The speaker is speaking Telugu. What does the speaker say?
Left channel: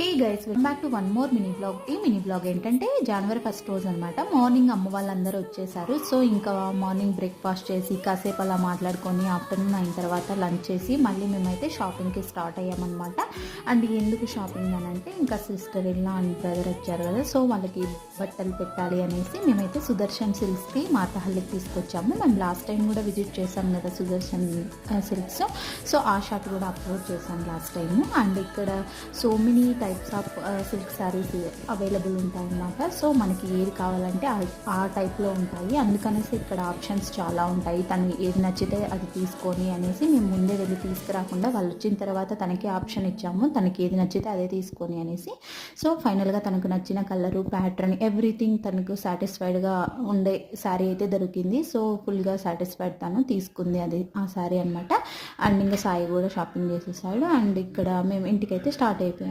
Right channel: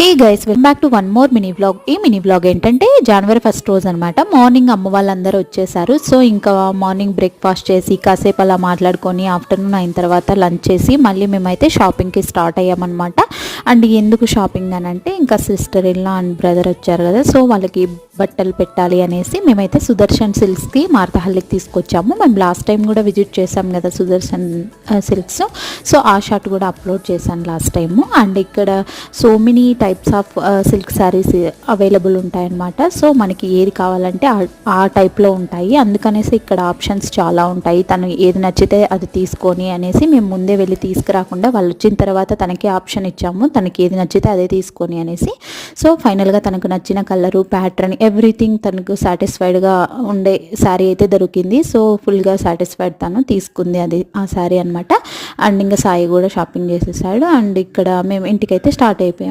Hey guys, welcome back to one more mini vlog. ఈ మినీ వ్లాగ్ ఏంటంటే జనవరి 1 రోజు అనమాట. మార్నింగ్ అమ్మ వాళ్ళందరూ వచ్చేసారు. సో ఇంకా మార్నింగ్ బ్రేక్ఫాస్ట్ చేసి కాసేపు అలా మాట్లాడుకొని ఆఫ్టర్నూన్ అయిన తర్వాత లంచ్ చేసి మళ్ళీ మేమైతే షాపింగ్కి స్టార్ట్ అయ్యామన్నమాట. అండ్ ఎందుకు షాపింగ్ అని అంటే ఇంకా సిస్టర్ ఇల్లా అండ్ బ్రదర్ వచ్చారు కదా, సో వాళ్ళకి బట్టలు పెట్టాలి అనేసి మేమైతే సుదర్శన్ సిల్క్స్కి మార్తహల్లికి తీసుకొచ్చాము. మేము లాస్ట్ టైం కూడా విజిట్ చేసాం కదా సుదర్శన్ సిల్క్స్. సో ఆ షార్ట్ కూడా అప్లోడ్ చేశాను లాస్ట్ టైము. అండ్ ఇక్కడ so many types of silk saris available ఉంటాయన్నమాట. సో మనకి ఏది కావాలంటే ఆ టైప్లో ఉంటాయి. అందుకనేసి ఇక్కడ ఆప్షన్స్ చాలా ఉంటాయి. తను ఏది నచ్చితే అది తీసుకొని అనేసి మేము ముందే వెళ్ళి తీసుకురాకుండా వాళ్ళు వచ్చిన తర్వాత తనకి ఆప్షన్ ఇచ్చాము, తనకి ఏది నచ్చితే అదే తీసుకొని అనేసి. సో ఫైనల్గా తనకు నచ్చిన కలరు, ప్యాటర్న్, ఎవ్రీథింగ్ తనకు సాటిస్ఫైడ్గా ఉండే శారీ అయితే దొరికింది. సో ఫుల్గా సాటిస్ఫైడ్ తను తీసుకుంది అది ఆ శారీ అనమాట. అండ్ ఇంకా సాయి కూడా షాపింగ్ చేసేసాడు. అండ్ ఇక్కడ మేము ఇంటికైతే స్టార్ట్ అయిపోయాము.